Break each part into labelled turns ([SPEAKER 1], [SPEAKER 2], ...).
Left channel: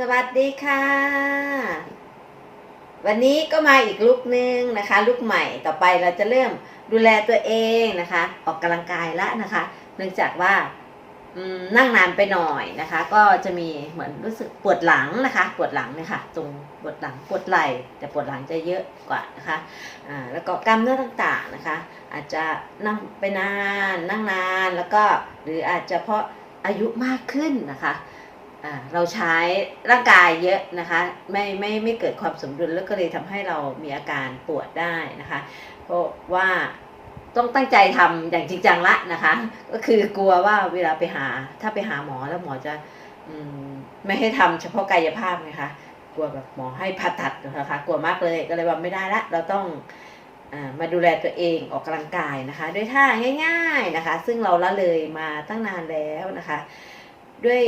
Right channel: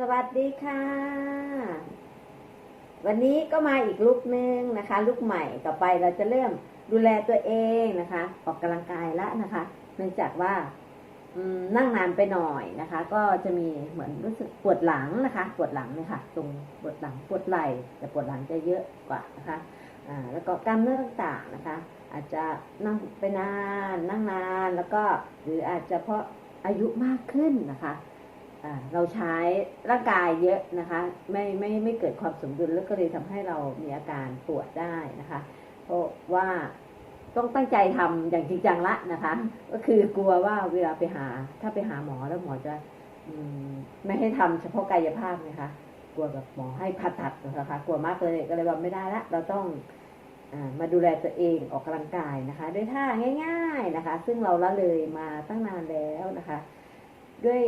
[SPEAKER 1] สวัสดีค่ะ วันนี้ก็มาอีกลุกนึงนะคะ ลุกใหม่ต่อไปเราจะเริ่มดูแลตัวเองนะคะ ออกกำลังกายละนะคะ เนื่องจากว่านั่งนานไปหน่อยนะคะ ก็จะมีเหมือนรู้สึกปวดหลังนะคะ ปวดหลังเนี่ยค่ะ ตรงปวดหลังปวดไหล่แต่ปวดหลังจะเยอะกว่านะคะอ่าแล้วก็กล้ามเนื้อต่างๆนะคะ อาจจะนั่งไปนานนั่งนานแล้วก็หรืออาจจะเพราะอายุมากขึ้นนะคะ เราใช้ร่างกายเยอะนะคะไม่ไม่ไม่เกิดความสมดุลแล้วก็เลยทำให้เรามีอาการปวดได้นะคะเพราะว่าต้องตั้งใจทำอย่างจริงจังละนะคะ ก็คือกลัวว่าเวลาไปหาถ้าไปหาหมอแล้วหมอจะอืมไม่ให้ทำเฉพาะกายภาพไงคะกลัวแบบหมอให้ผ่าตัดนะคะกลัวมากเลยก็เลยว่าไม่ได้ละเราต้องอามาดูแลตัวเองออกกำลังกายนะคะ ด้วยท่าง่าย ๆนะคะ ซึ่งเราละเลยมาตั้งนานแล้วนะคะ ด้วย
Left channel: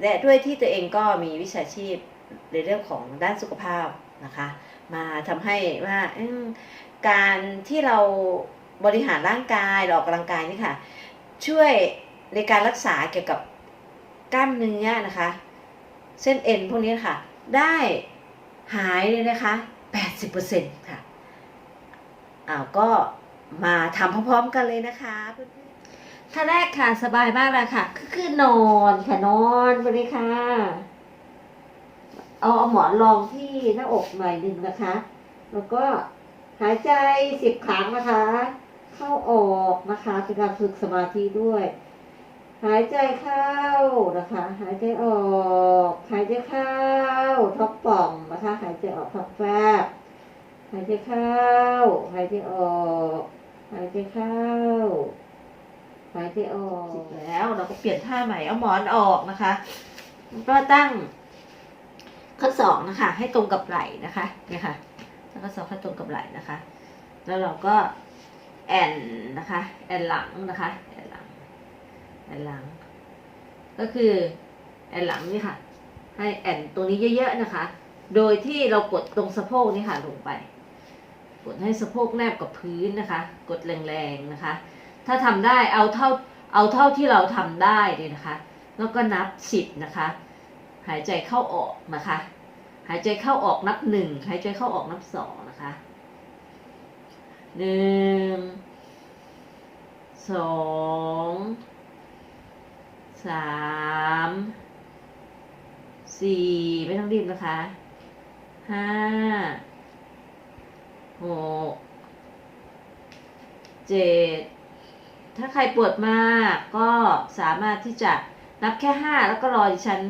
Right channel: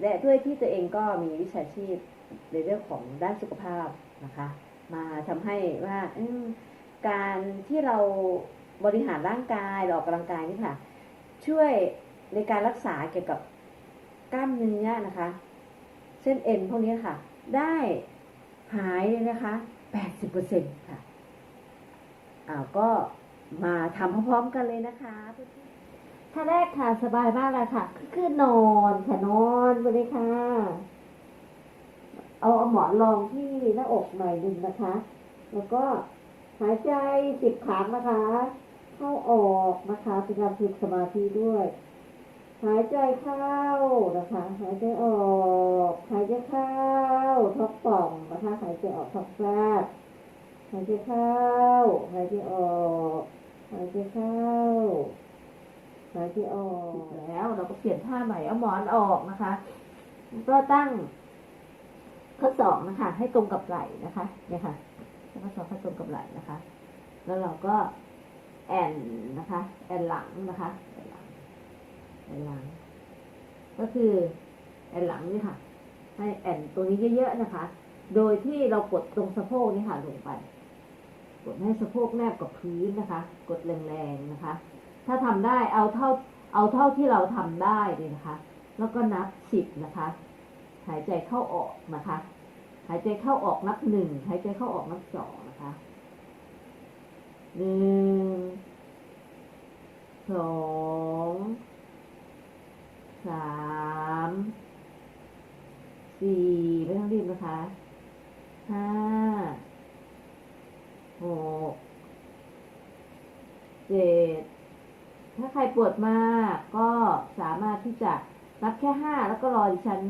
[SPEAKER 1] และด้วยที่ตัวเองก็มีวิชาชีพในเรื่องของด้านสุขภาพนะคะ มาทำให้ว่าการที่เราบริหารร่างกายเราออกกำลังกายนี่ค่ะ ช่วยในการรักษาเกี่ยวกับกล้ามเนื้อนะคะ เส้นเอ็นพวกนี้ค่ะ ได้หายเลยนะคะ 80%ค่ะอ้าวก็มาทำพร้อมๆกันเลยนะคะเพื่อน ท่าแรกค่ะสบายมากเลยค่ะคือคือนอนค่ะนอนไปเลยค่ะ เอาเอาหมอนรองที่หน้าอกหน่อยหนึ่งนะคะ แล้วก็หายใจสิบครั้งนะคะ เข้าออกนะคะเป็นการฝึกสมาธิด้วย หายใจเข้านะคะ หายใจออก หายใจเข้าท้องป่องนะคะ หายใจออกท้องแฟบหายใจเข้า หายใจออก หายใจเข้า หายใจออกแล้วเราก็เปลี่ยนท่าใหม่เอาหมอนออกนะคะก็ตั้งข้อศอกนะคะ ให้ตรงกับไหล่นะคะเนี่ยค่ะตั้งข้อศอกให้ตรงกับไหล่นะคะ แล้วเราก็แอนนะคะแอนหลังนะคะแอนหลังแอนหลัง ก็คือแอนหลังนี่ค่ะ ให้แอนตรงนี้เยอะๆนะคะ โดยที่เรากดตรงสะโพกนี่ค่ะลงไป กดให้สะโพกแนบกับพื้นนะคะ กดแรงๆนะคะ ถ้าทำได้เอาเท่าเอาเท่าที่เราทำได้เลยนะคะ แล้วก็นับสิบนะคะ หายใจเข้าออกนะคะ หายใจเข้าออกนับหนึ่งหายใจเข้าออกนับสองนะคะหนึ่งสองสามสี่ไม่ต้องรีบนะคะห้าหกเจ็ด ถ้าใครปวดมากก็สามารถที่จะนับแค่ห้าแล้วก็รอดิฉัน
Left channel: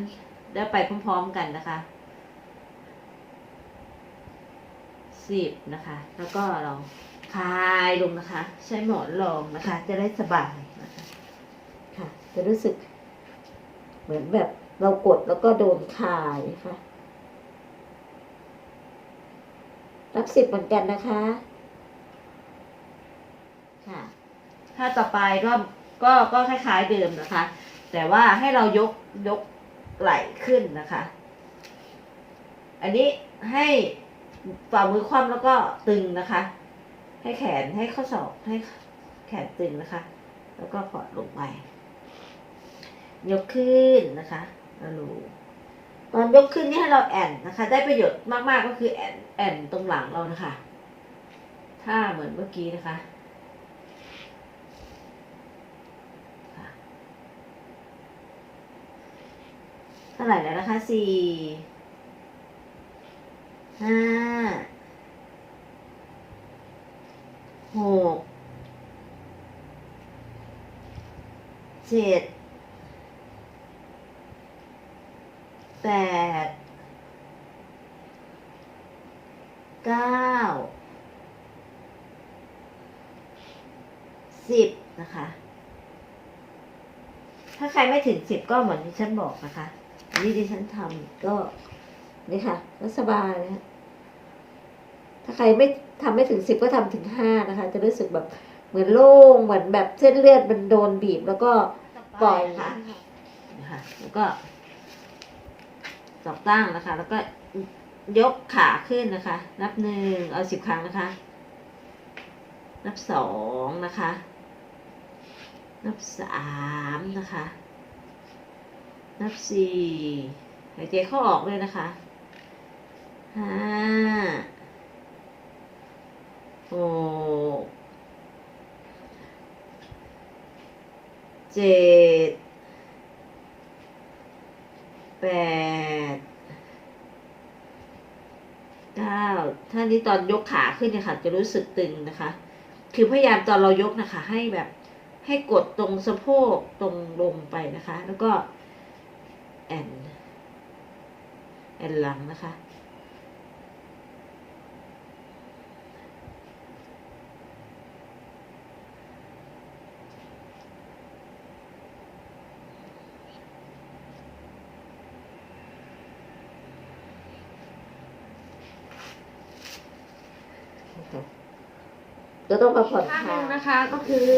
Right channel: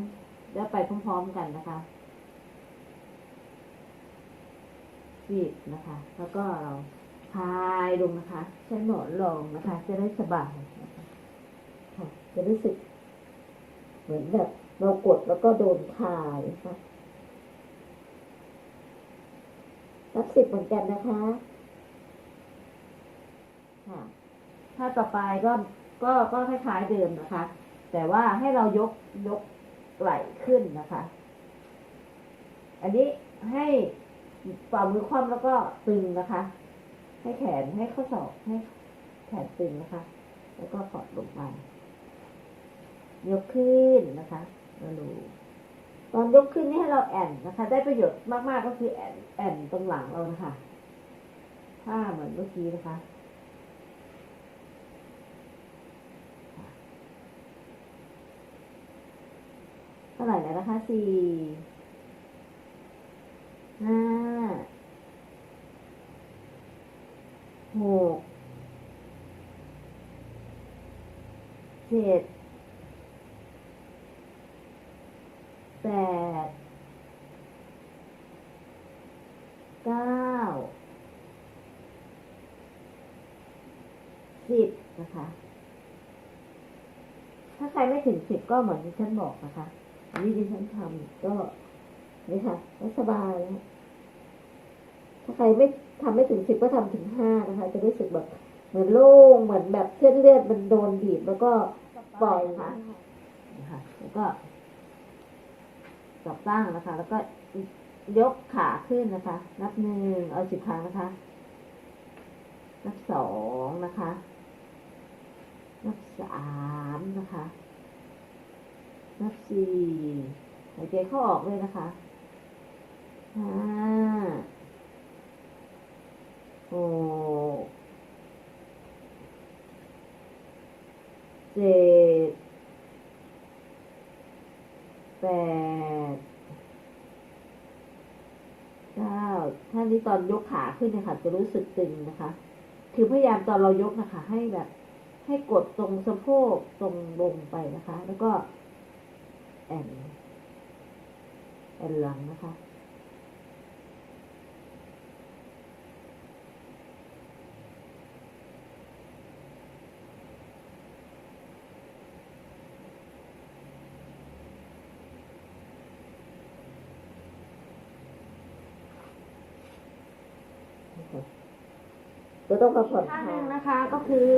[SPEAKER 1] ได้ไปพร้อมๆกันนะคะสิบนะคะ แล้วก็เราคลายลงนะคะ ใช้หมอนรองนะคะ จะได้สบายนะคะค่ะ จะรู้สึก เหมือนแบบเรากดแล้วก็โดนคลายค่ะนับสิบเหมือนกันนะคะ ค่ะ ถ้าต่อไปก็ก็ก็คล้ายๆเดิมนะคะ แต่ว่าให้เรายกยกไหล่ขึ้นนะคะ อันนี้ให้ฝ่ามือคว่ำแล้วก็ตึงนะคะ ให้แขนให้ข้อศอกให้แขนตึงนะคะ แล้วก็กอดลงไป ยกขึ้นนะคะแล้วลูตอนยกขึ้นนี่ให้เราแอนนะคะ ได้ประโยชน์มากๆก็คือแอนแอนตรงหลังเรานะคะ ถ้าเหมือนเมื่อกี้นะคะาไหร่แล้วนะคะสี่ห้าหกเจ็ดแปดเก้าสิบนะคะ ถ้าใครไม่ถึงสิบก็เหมือนที่ฉันบอกนะคะ นนี้ดิฉันทำก็นี่ค่ะก็สบายเลยค่ะถ้าใครไม่ทำไม่ถึงสิบก็ทำถึงห้านะคะ จะรู้สึกแบบเหมือนโล่งเหมือนแบบเส้นเลือดมันโดนบีบแล้วก็ปล่อยค่ะนะคะแล้วก็สองตั้งนะคะ แล้วก็ยกขาขึ้นนะคะ นับหนึ่งเอาสิบครั้งนะคะ นับสองนะคะ นับสามนะคะ นับสี่หายใจเข้าออกด้วยนะคะห้าหกเจ็ดแปดเก้าท่านี้ตอนยกขาขึ้นเนี่ยค่ะ จะรู้สึกตึงนะคะ คือพยายามตอนเรายกนะคะ ให้แบบให้กดตรงสะโพกตรงลงไปนะคะ แล้วก็ แอนแอนหลังนะคะจะต้องมาผ่อนท่าหนึ่งนะคะก็คือ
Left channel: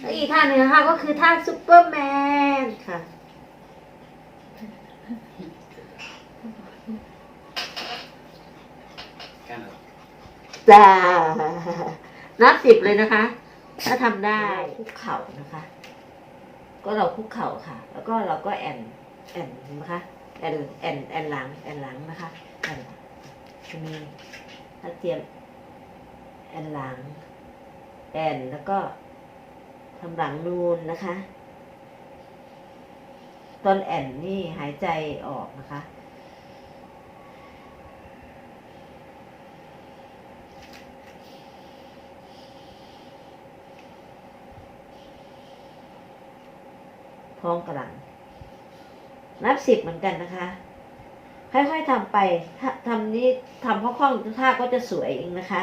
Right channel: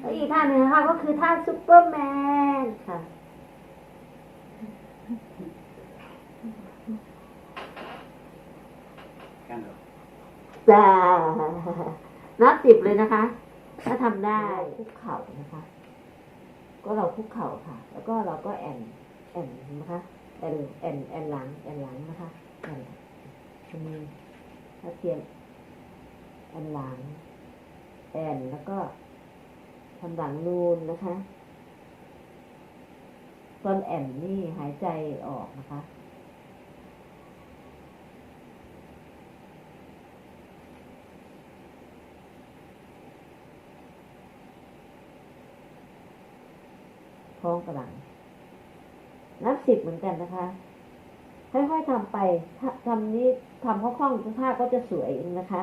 [SPEAKER 1] แล้วอีกท่าหนึ่งนะคะก็คือท่าซุปเปอร์แมนค่ะ
[SPEAKER 2] กันเหรอ
[SPEAKER 1] จ้า นับสิบเลยนะคะ ถ้าทำได้ คุกเข่านะคะ ก็เราคุกเข่าค่ะ แล้วก็เราก็แอนแอนนะคะ แอนแอนแอนหลังแอนหลังนะคะแอนหลังจะมีถ้าเตรียมแอนหลัง แอนแล้วก็ทำหลังนูนนะคะ ตอนแอนนี่หายใจออกนะคะ ท้องกระหลัง นับสิบเหมือนกันนะคะค่อยๆทำไปถ้าทำนี้ทำคล่องท่าก็จะสวยเองนะคะ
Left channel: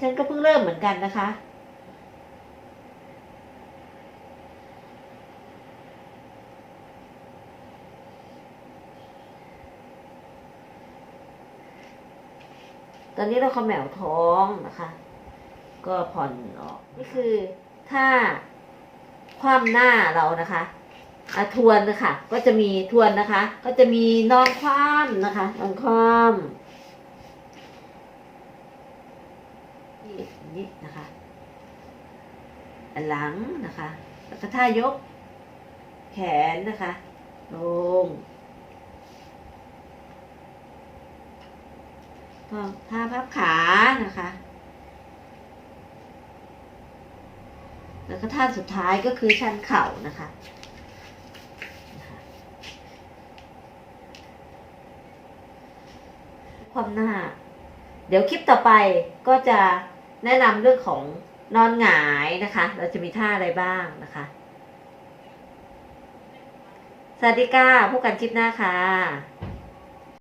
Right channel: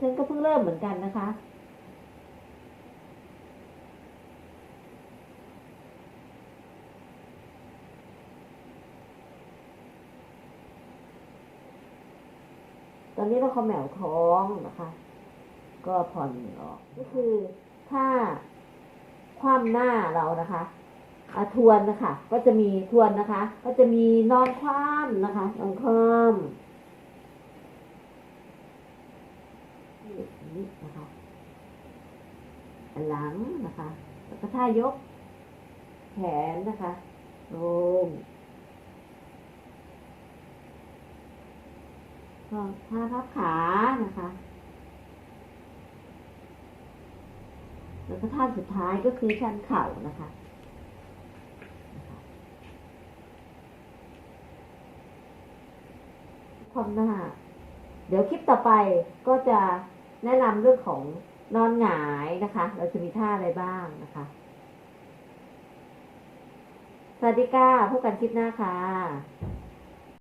[SPEAKER 1] ฉันก็เพิ่งเริ่มเหมือนกันนะคะ ตอนนี้เราขมแมวท้องนะคะ ก็ผ่อนออก นี่คือถ้า คว่ำหน้าเรานะคะอะทวนนะคะ ก็จะมีทวนนะคะ ก็จะมีนอนคว่ำนะคะนอนคว่ำนี่นี่นะคะหลังนะคะ แล้วก็ท่ายก แขนนะคะ ลงท่าพับขานะคะ แล้วก็ท่าสุดท้ายก็คือชันเข่านะคะความหน้า เดี๋ยวคลิปต่อไปก็จะแนะนำเรื่องของนอนหงายนะคะ เราจะมีท่าอะไรบ้างนะคะ สวัสดีค่ะพบกันคลิปหน้าค่ะ